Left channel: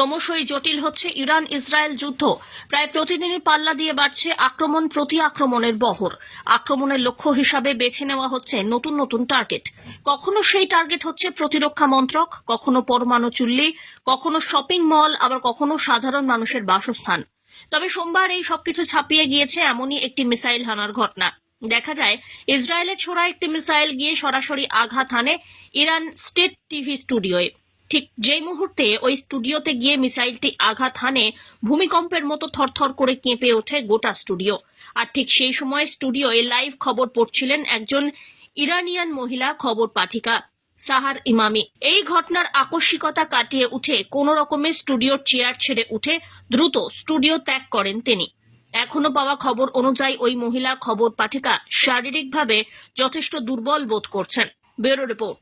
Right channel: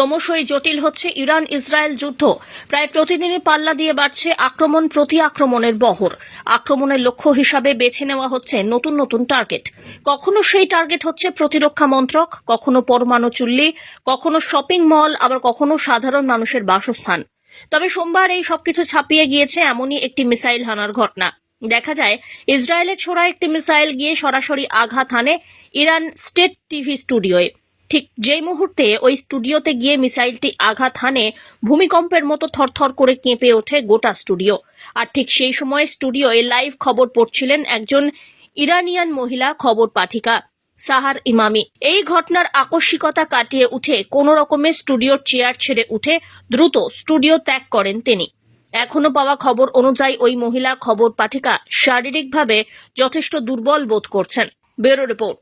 ক্রমশই জটিল হচ্ছে ইরান ইসরায়েল যুদ্ধ। প্রায় প্রতিদিনই পাল্লা দিয়ে বাড়ছে আক্রমণ প্রতি আক্রমণের বহর। আক্রমণের লক্ষ্য হিসাবে বেছে নেওয়া হচ্ছে নতুন নতুন টার্গেট। কখনো সেই টার্গেট হচ্ছে প্রতিরক্ষা মন্ত্রক, কখনো পরমাণু চুল্লি, কখনো শপিং মল, আবার কখনো সাধারণ মানুষের বাসস্থান। তবে সোমবার এই সবকিছু ছাপিয়ে গিয়েছে এমনই একটি মিসাইল হানার ঘটনা। দেখা যায়, ইসরায়েলের ছোড়া একটি মিসাইল গিয়ে সরাসরি আঘাত হানে ইরান স্টেট টিভি স্টুডিওয়ে। ঠিক যেই মুহূর্তে ওই স্টুডিওতে গিয়ে মিসাইলটি আঘাত হানে, ভূমিকম্পের মতো থরথর করে কেঁপে ওঠে গোটা স্টুডিও। আর ঠিক সেই সময় স্টুডিওয়ে লাইভ খবর পড়ছিলেন একজন ইরানিয়ান মহিলা খবর পাঠিকা, সাহার ইমামি। এই ঘটনার আকস্মিকতা কাটিয়ে উঠে কোনো রকমের স্টুডিওর চেয়ার ছেড়ে উঠে দ্রুত স্টুডিও ত্যাগ করেন তিনি। এখনও পাওয়া খবর অনুযায়ী ওই মহিলা খবর পাঠিকা শারীরিকভাবে যথেষ্ট দুর্বল বোধ করছেন। Bureau report.